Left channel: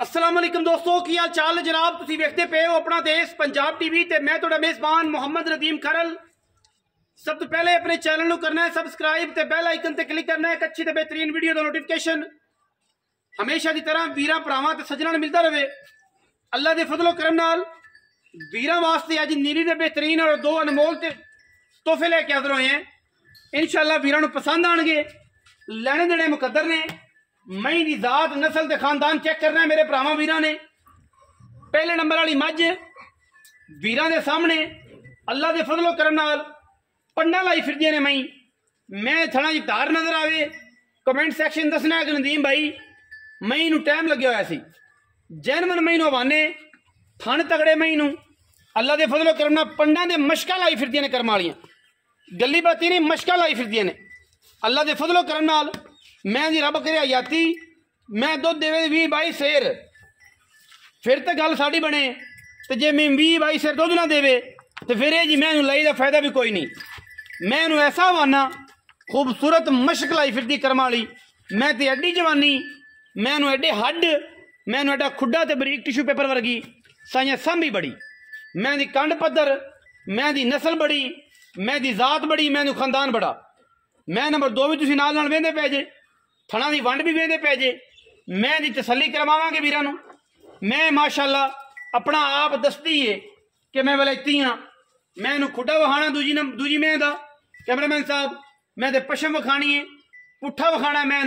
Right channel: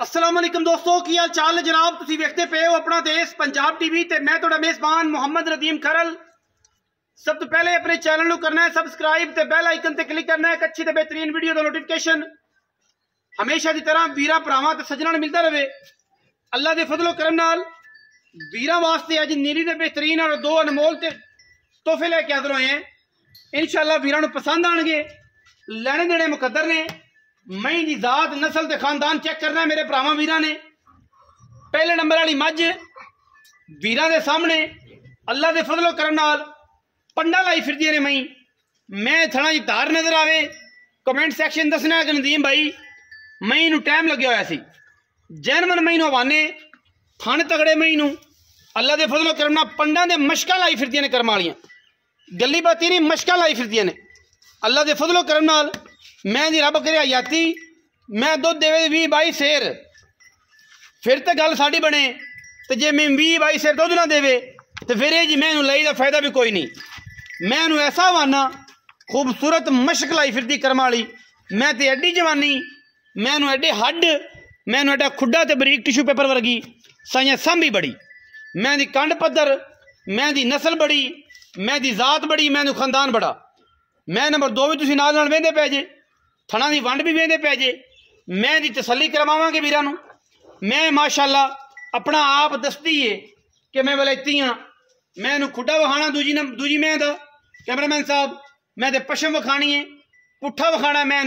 अस्सलाम वालेकुम दोस्तों, की हाल चाल है जनाब। तुसी वेखते पे हो अपना देश पंजाब टीवी ते मैं तुहाडा मेज़बान मोहम्मद नदीम खरल। सब तो पहले अपने चैनल को करना है सबसक्राइब ते बेल आइकन ते क्लिक करना है। एक अच्छी ते बेहतरीन वीडियो का नोटिफिकेशन हमेशा की तरह वीरां भरावां ते सज्जनां नूं मिलता रहे। अल्लाह दे फजलो करम नाल वीरां वास्ते अज नीली दे बेहतरीन और दो अनमोल ते तोहफे लेके हाज़र होए हैं। इंशाअल्लाह वीरां नूं पसंद आएंगे। लैने देने मुकद्दर ने। मई की जात नस्ल के खानदान चेक करना है मेरे भरावां वीरां ने। पहले नंबर वाली मझ वीरां दे सामने अल्लाह दे फजलो करम नाल पंडा लाई फिरदियां ने। मैं थना जी धार नजर आवे कमेंट सैक्शन दसना है कि नदीम भाई मई नूं टाइम लग्या होया सी। जैनवन मई नूं हवाने थन तगड़े मई नूं अल्लाह दे फजलो करम नाल पंडा दे मशकां लाई फिरदियां ने। करम वालियां गली बाती नहीं मशकां लाई फिरदियां ने। अल्लाह दे फजलो करम नाल मैं दी रब करे हयाती मैं दुध देवे 20-22 सेर फिर तो गल साड़ी बने। तो जे मैं 20-22 सेर दुध ना देवे तो फिर ये जी मैं लई का फायदा भी कोई नहीं। मैं ऐसा वाना खूबसूरत मशक लाई फिरती करम वाली। मैं तो एडी जवानी मैं एडे हड मैं एडा खुडा तो बरीक टिशू पेपर वर्गी साइया सांभी बड़ी। मैं दी कंड पत्थर मैं दी नस्ल बड़ी मैं दी जात बड़ी मैं खानदान बड़ा। मैं नंबर 2 भी तुसीं नाल नाल वेंदे पै जे थना की वंड भी वेंदे पै जे। मैं दी तसल्ली करवावांगे वीरां नूं। मैं माशाअल्लाह अपना आप दसदी है कि मैं वलैती हाँ। मैं खुडा विखाना दूजी मैं दा कैमरामैन साहब मैं तो पशम विखानी है पुट्ठा विखाना मैं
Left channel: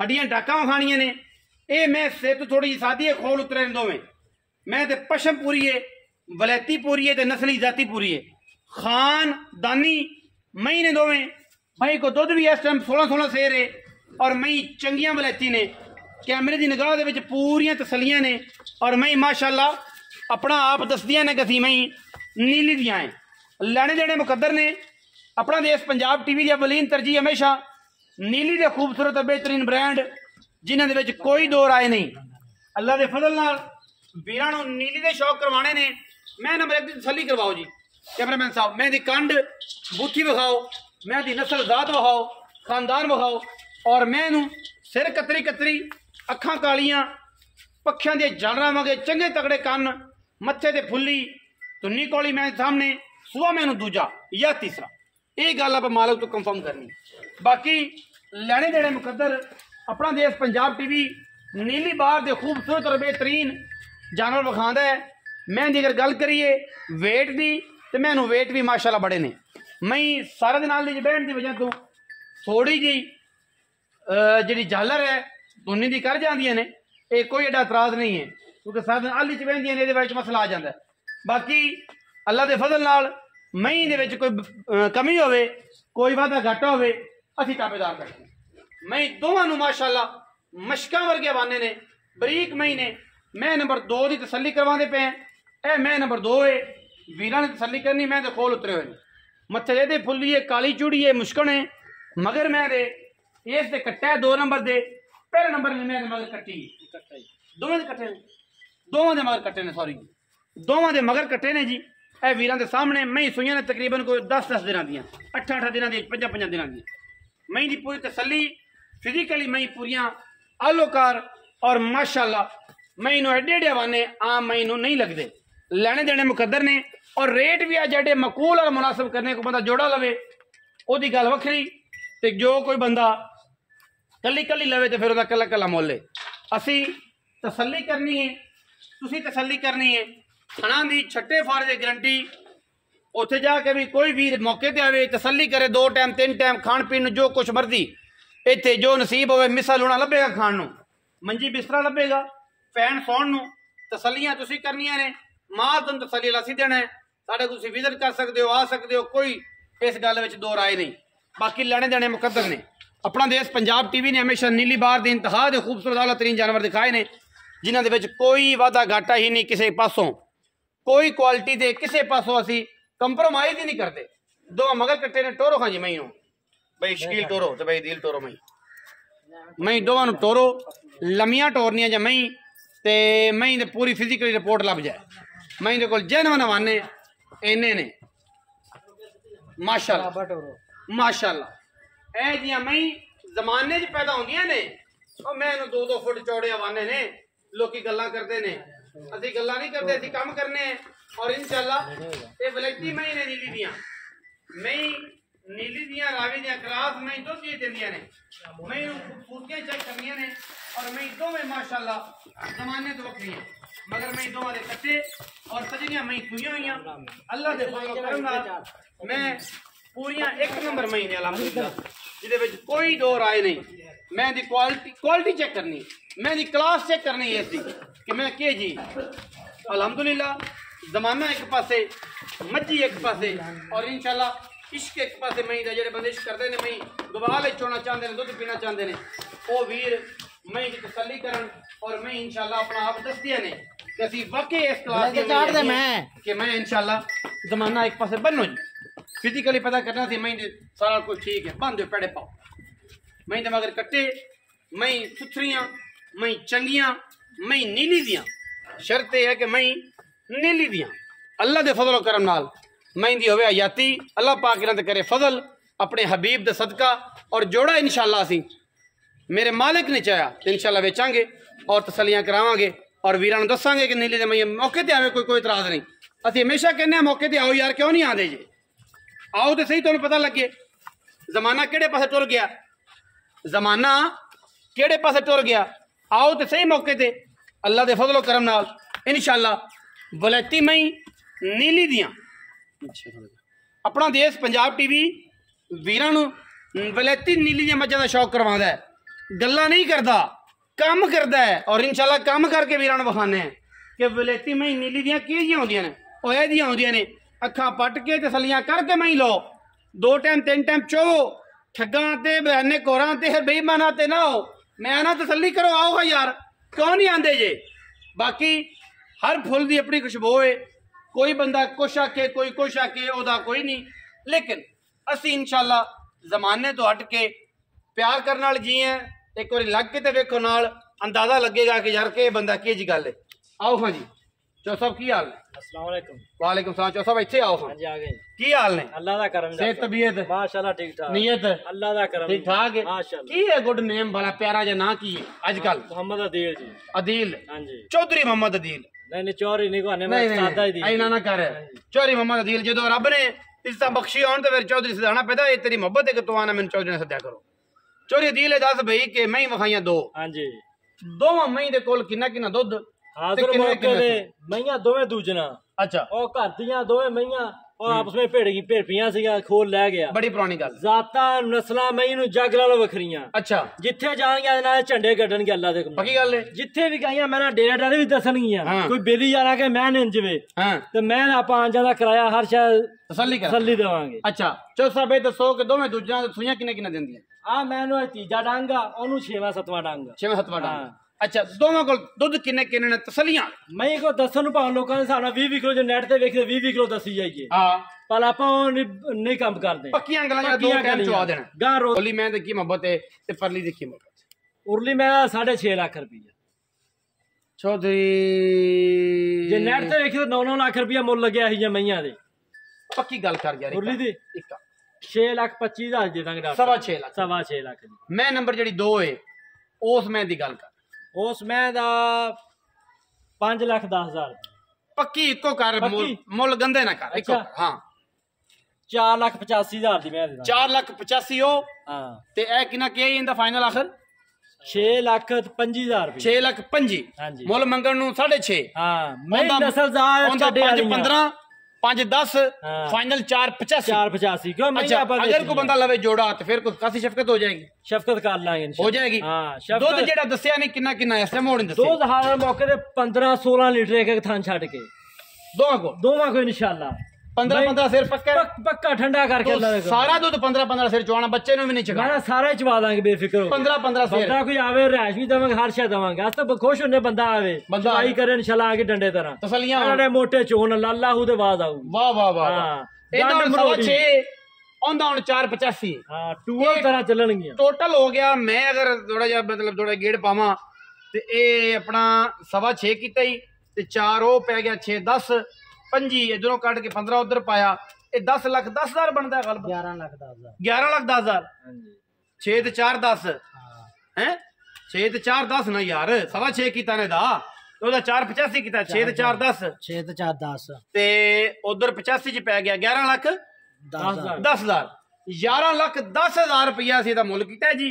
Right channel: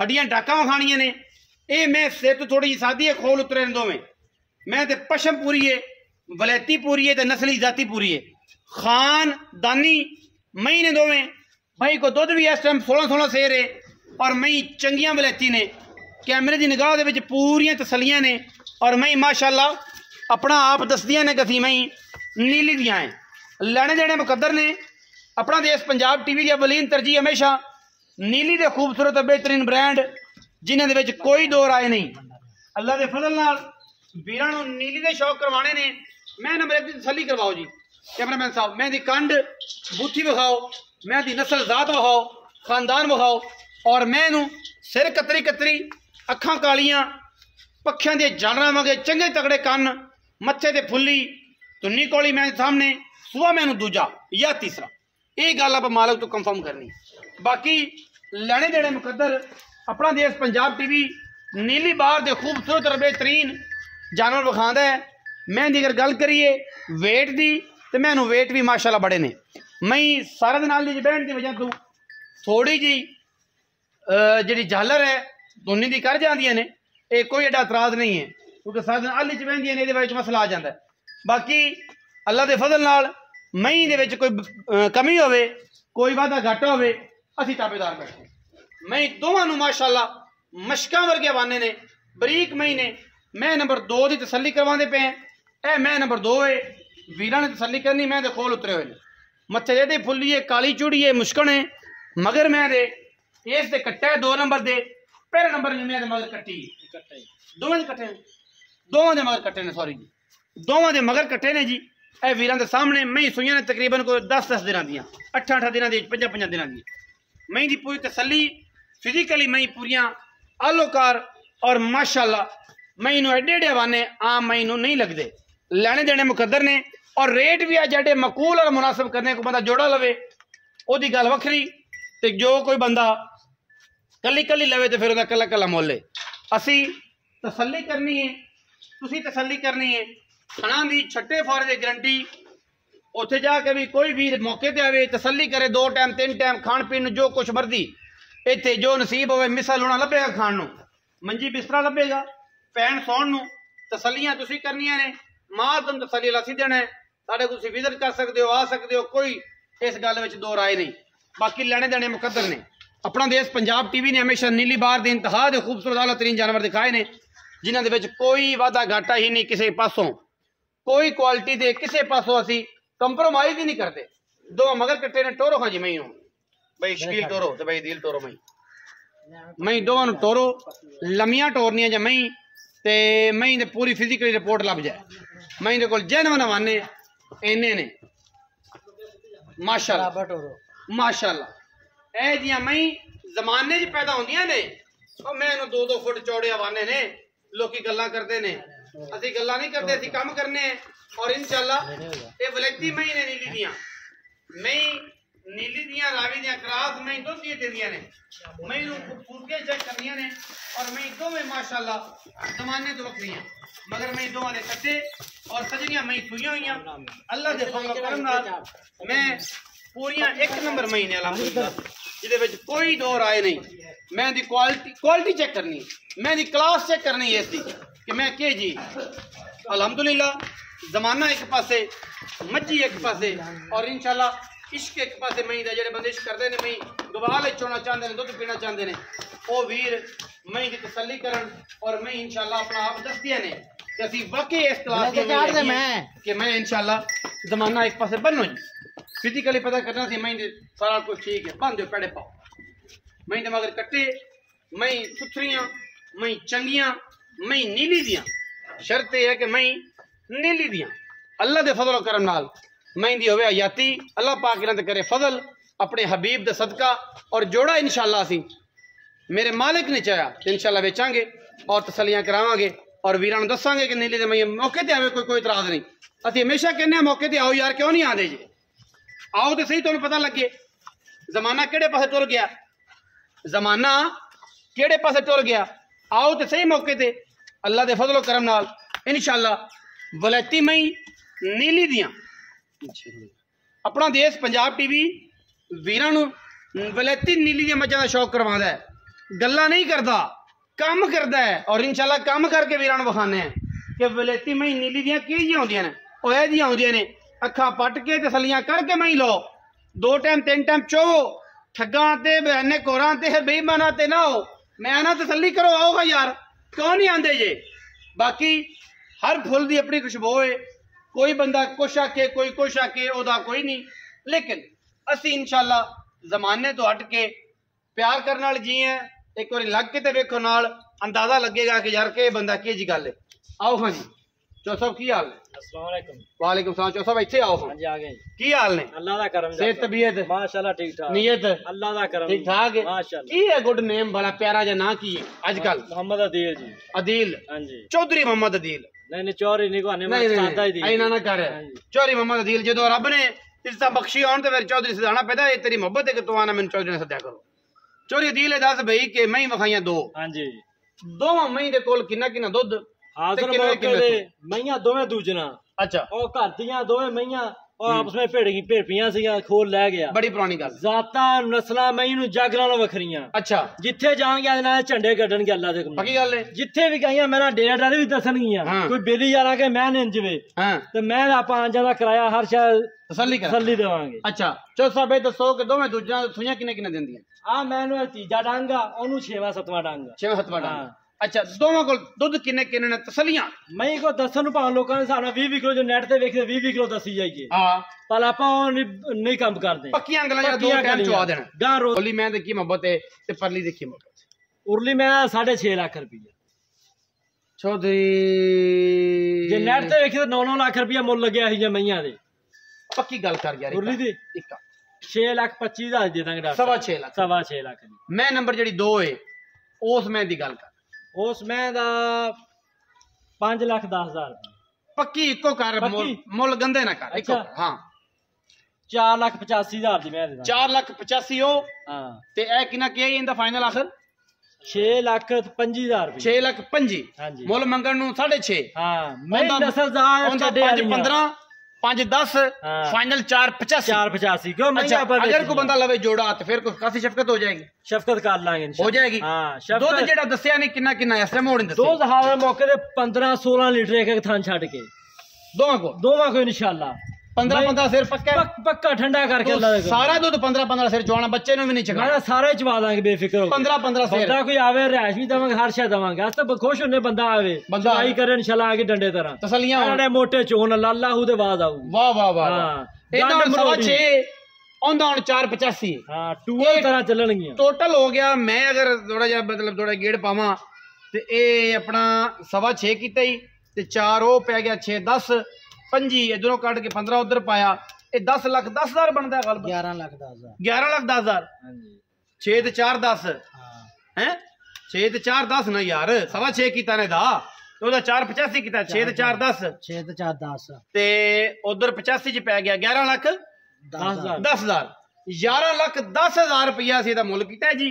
हड्डियां टाका विखानियां ने। ये मैं सिर तो थोड़ी जी सादी है खोल उतरे दोवें। मैं तो पशम पूरी है वलैती पूरी है तो नस्ली जाति पूरी है। खानदानी मई ने दोवें मई को दुध भी इस टाइम 16-16 सेर है और मई चंगियां वलैती ने। कैमरे की निगाह दे विच पूरियां तसलियां ने और मई माशाअल्लाह अपना आप दसदियां ने कि मई नीली दियां है। लैने देने मुकद्दर ने। अपना देश पंजाब टीवी की अवलीन तरजीह हमेशा नीली के खूबसूरत और बेहतरीन ब्रांड जिन्हां दे विच कोई दो राय नहीं। अल्लाह के फजल नाल वीरां नूं नीली के शौक करवाने ने। मैं नंबर 1 की तसल्ली करवाओ जी कैमरामैन साहब। मैं दी कंड बूथी विखाओ मैं दी नस्ल जात विखाओ खानदान विखाओ और मैं सिर कतरी कतरी अखां कालियां पक्षियां दे जानवरां वांगे चंगे तगड़े कन मत्थे ते फुल्ली धुन्नी कोली मैं सामने सुआ मैनू दूजा या तीसरा। ये गल आप मालक तो कंफर्म करनी। बाकी लैने देने मुकद्दर अपना देश पंजाब टीवी नीली बार दे खूबसूरत और बेहतरीन जानवर विखांदा है। मैं दी अगर गल करिए वेट दी तो मैं वेट भी माशाअल्लाह बड़े ने। मई सारे दिन नाल बैठने की वजह तो थोड़ी जी जी झालर है धुनी की कर जांदियां ने। ये कोई एडा एतराज नहीं है क्योंकि सारे दिन आली च बहदियां ने। ये मसला आ जाता है। बाकी अल्लाह के फजल नाल मई दे विच कोई कमी होवे कोई वाधा घाटा होवे असीं ताबेदार बैठे। मई दोवां नूं माशाअल्लाह मशकां वर्गे वाने ने बरीक मई ने। मैं नंबर 2 की तसल्ली करवाते पे ए मैं नंबर 2 है वीरां ने तसल्ली करनी। मैं तो खोल उतरे हुए मत्थे एदी फुल्ली है काली चूड़ी है मुश्कन है मगर मैं दे इस दे कट्टा है 2 नंबर दे पहले नंबर में मैं मगर कट्टी दोवें दे कट्टे दोवां दे मगर कट्टे ने सॉरी जी दोवां दे मगर कट्टे ने जी। ए वीरां दे सामने मई सुइयां ने तकरीबन कोई 10-10 दिनां दियां 8-8 दिनां दी 5-5 दिनां दी मई दी पूरी तसल्ली फिजिकली मई पूरियां आलोकार और माशाअल्लाह मई नूं एडे एडे हवाने आम मई नूं नहीं लगदे। लैने देने मुकद्दर ने और रेट भी है जेडे मकूल और मुनासिब करने को बंदा जोड़ा लवे ओदी गल वखरी ते जो कोई बंदा कली कली लवे तो फिर उसका कला कला मुल है। असी तसल्ली करनी है तुसी तसल्ली करनी है। खाना की छट्टे फारे की गारंटी उत्थे जाके भी कोई भी मौके पर आवे तसल्ली करे 2 टाइम 3 टाइम खाण पीण जो कुछ मर्जी इत्थे जो नसीब होवे मिसा लूणा लभेगा खाण नूं मंजी बिस्तरा लभेगा पैण सौण नूं। तसल्लियां तुसी करनियां ने मां तुम तसल्ली असीं देना है। साढ़े तुसीं विजिट कर सकते हो आ सकते हो कोई इस गल में दो राय नहीं। बाकी लैने देने मुकद्दर ने। अपना देश पंजाब टीवी ने हमेशा नीली बार के इंतहा के खूबसूरत आला तरीन जानवर दिखाए ने जिन्हां दे विच कोई वाधा घाटा ही नहीं किसी पासों कोई क्वालिटी दे किसी पासों असी कंप्रोमाइज ही नहीं करते। 2 मगर कट्टे ने टोरो खां जी मई नूं बई शकील टोरो तो बई दिल टोरो मई दोवां नूं टोरो लम्मियां टोरनियां जां मई ते मई दे पूरी फिजिकली रिपोर्ट लभ जाए। मई दे कोल जैनवन हवाने इन्ने ने माशाअल्लाह माशाअल्लाह। ए जियां मई जमाने च पैदा होंदियां ने मैं 2-2 फुट चौड़े हवाने ने लोग गल्लां करते ने, असीं गल्लां नहीं करते, असीं काम करने हैं। और इंशाअल्लाह ये वलैती महीने नीली दियां मई नीली दियां रावी दियां क्लास मई दो चीज देंदियां ने, मई नूं खूबसूरती चेक करनियां ने और मई दोवें माशाअल्लाह जमाने तो वक्रियां, मगर मई दोवां दे कट्टे और सजरियां मई खुईयां होईयां अल्लाह दे फजल करम नाल। मैं पूरियां एक नंबर मई ने अल्हम्दुलिल्लाह, जिहदे विच कोई दो राय नहीं। मैं दी क्वालिटी चेक करनी, मैं दी क्लास चेक करनी है इसकी कि मैं के जी अल्हम्दुलिल्लाह। जमाना एक पासे, मज्जी एक पासे और इंशाअल्लाह इश्क एक पासे। मई दे जेड़े बंदे इश्क करदे ने, मई गवाल चोना चाहते हैं, दुध पीना चाहते हैं, वो वीर मई की तसल्ली करन और मई इंशाअल्लाह अपना आप दसदियां ने कि असी वाकई इस क्लास कि मैं इंशाअल्लाह जमाना एक पासे बनो जी। फिजिकली पता करना सी मई सारा कुछ ठीक है, बंद पेड़े पाओ मई दे मगर कट्टे, मई सुथरियां, मई चंगियां, मई नीली दियां। शर्त यह है कि मई नीली दियां अल्लाह दे फजल करम नाल मई दी होवे हयाती, अल्लाह पाक इन्हां ते करे फजल अपने हबीब दे सदका। और जोड़ा इंशाअल्लाह असी मेरे मालिक ने चाहा तो इंशाअल्लाह बेचांगे और तसलियां करावांगे और वीरां नूं दसांगे कि नीली दे मई मौके ते आवे, कोई इतराज नहीं। असीं हमेशा कहने मौके ते आओ यार, क्यों नहीं आंदे जी? आओ तो सही, तुहानूं पता लगे जमाना केड़े पासे टुर गया, जमाना केड़े पासे टुर गया। आओ तो सही मौके ते अल्लाह दे फजल करम नाल इंशाअल्लाह वलैती मई नीली दियां। अपना देश पंजाब टीवी वीरां नूं वलैती नीली दियां मज्जां दा शौक करवांदा है, गल्लां नहीं करदा, काम करदा है। और इंशाअल्लाह काम करके वीरां नूं विखाने हैं कि वलैती मई नीली दियां किहड़ियां होंदियां ने। ओह इह जिहियां होंदियां ने, अखां पट के तसलियां करके मई लो, 2 टाइम 3 टाइम चोवो, ठग्गां ते बयाने कोरां ते बेईमानां ते ना हो। मैं ना तसल्ली करो, आओ यार, क्यों नहीं आंदे जे? बाकी हर फुल की अपनी खुशबू है, कोई बंदा कुछ आके कोई कुछ आके ओदा कोई नहीं, लेकिन असी इंशाअल्लाह जमाने तो हट के प्यार करने वाले जी हैं। एक बार लग के तो वेखो नाल अंदाजा लगेगा कि यार के बंदा की जी गल है। आओ हाँ जी चौ साहब की हाल? अस्सलाम वालेकुम। वालेकुम सलाम। चौ साहब इत्थे आओ। हाँ जी आ गए। की हाल ने? अल्लाह दा करम। सेहत तबीयत माशाल्लाह ठीक ठाक। नीयत अल्लाह दा करम ठीक ठाक है माशाल्लाह। की है गुड नेम बड़ा प्यारा जा ना की है आजकल? मोहम्मद अदील जी। अदील? हाँ जी। चौधरी मोहम्मद अदील? नहीं चौधरी नहीं कोने मैं उस्ताद ही दी। ऐना ना कर, चौधरी मोहम्मद अदील जो रब ने इज्जत बख्शी आउण ते फिर चौधरी सदाना पैदा है। तेरी मोहब्बत है कि तू आना मैनूं चौधरी ने सद्या करो। चौधरी अदील दस भई कि मैं वखाइयां 2। हां जी। दोवां मई दे कोल किन्ना किन्ना दुध हाजिर मौके दे मईयां दोवें दूजना। अच्छा। ओ घर दियां दोवें मईयां और आपस में भेड़पियां सी, खोल ले गया। बड़ी पुरानी गल। जाता नस्लां मई नूं जग नालों वखरियां। अच्छा। जिथे जाणगे ना झंडे कड्डणगे अल्लाह दे। पक्की गल है। जिथे भी गईयां मेरा डेरा डारे भी दसणगियां। कोई बेली वाला के मैं निंज वे ते मैं आपां आंजा दा किराया हर शै तसल्ली देवांगे। अच्छा चो साहब दसो कि दोवें दूजियां सूइयां किने किने दिंदियां? आ मैनू तीजा डांगा, ओनू 6वां 7वां डांगा। 6वां 7वां डांगा। अच्छा दोवां कोल दुध किने किने ने तसल्लियां? मई को दसन भाव लोकां दे सामने 20 किलो जो नेट ते वेखदे 20 किलो दसी जाइए। हां पर आपां नहीं काम करदे। पक्कियां गल्लां जेड़ा 2 टाइम चवा देना। गां रोली मैं ते की मोहब्बत है ते परली दी की मोहब्बत? उरली मैं 6.5 लाख रुपया। चौधरी जे नेट ते वेखे 9 लाख रुपया मुल लगया ही जे मईयां दे। पक्की गल कर यार। उरली दी 6,25,000 दे दांगे डॉक्टर। 6.5 लाख। 6.5 लाख दी। मैं नंबर जेड़ी 2 है उस मैं दी गल कर। उस मैं दा 5,10,000 पक्की इको कर, मुल गंदे ना कर। इको हां 4,85,000 दी मैं देदा। 4,85,000 हो। हां ते ए किना के इंदा फाइनल आखिर 6,25,000 रुपए। 6,25,000। हां जी। मुल मंगण नु 6.5। हां मैं 10,000 चढ़े 15 5-10 फाइनल 4,85 क्यों? अच्छा, अगर कोई बंदा लवे जोड़ा तो फिर काफी शफकत हो जाएगी। शफकत कर लांगे हो जाएगी। हां दुध जेड़ा दसया नहीं किन्ना किन्ना इस टाइम होने दसया? 2,000 मौके ते 15-16 लीटर एक थान छड़ के दोवां को इंशाल्लाह 15-15 सिर पक्का ठंडा करके अल्लाह सारा दूध 15-15 सिर चवाना, बच्चे नु भी नहीं चगाना। सारे चवा देंगे बेफिक्र हो। 15-15 सिर बंदा कोई आवे रैश भी देवांगे, हर शय देवांगे। अस तो खुश होने बंदा आवे चवाई करे इंशाल्लाह आगे डंडे तरह तसलियां बड़े मोटे चोन अल्लाह दे बाद आऊ। वाह वाह वाह। एदा 6.5 ओंदा 4,85। हां टूअल तरह चलणगियां टोटल हो गया। मैं अगर थोड़ा जा मतलब थोड़ा गेड़ पावां ते ए अपना 6.25 कीता ही ते 4 ओ पै गया 6-10 5 इधरों कट के 15 उधर पाया, ये 10,10,000 बनता है। 11,10,000। 11,10,000। हां जी। 6 ते 4 10 हैं 6 ते 4 10 ना यार 6.25 कीता ने दा ਉਹਦਾ 485 ਕੀਤਾ 6 ਤੇ 4 10 6 ਤੇ 4 10 ਤੇ ਉਧਰ 85 ਚ ਪੈ ਗਿਆ 11 ਲੱਖ 10,000 11 ਲੱਖ 10,000 ਰੁਪਇਆ ਅਸੀਂ ਇਹਦਾ ਮੁੱਲ ਕੀਤਾ ਜੀ।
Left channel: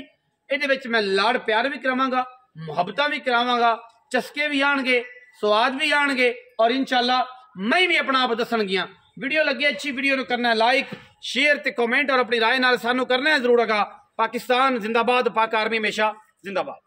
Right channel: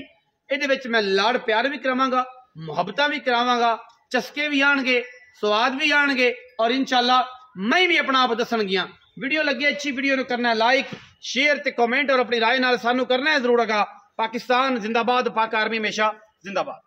ਇਹਦੇ ਵਿੱਚ ਮੈਂ ਲਾੜ ਪਿਆਰ ਵੀ ਕਰਾਵਾਂਗਾ, ਮੁਹੱਬਤਾਂ ਵੀ ਕਰਾਵਾਂਗਾ, ਚਸਕੇ ਵੀ ਆਣਗੇ, ਸਵਾਦ ਵੀ ਆਣਗੇ ਔਰ इंशाअल्लाह मैं भी अपना आप दसणगियां। वीडियो लगी अच्छी वीडियो ਨੂੰ करना लाइक शेयर ते कमेंट और अपनी राय नाल सानू करना है जरूर। पाकिस्तान जिंदाबाद, पाक आर्मी हमेशा जिंदाबाद।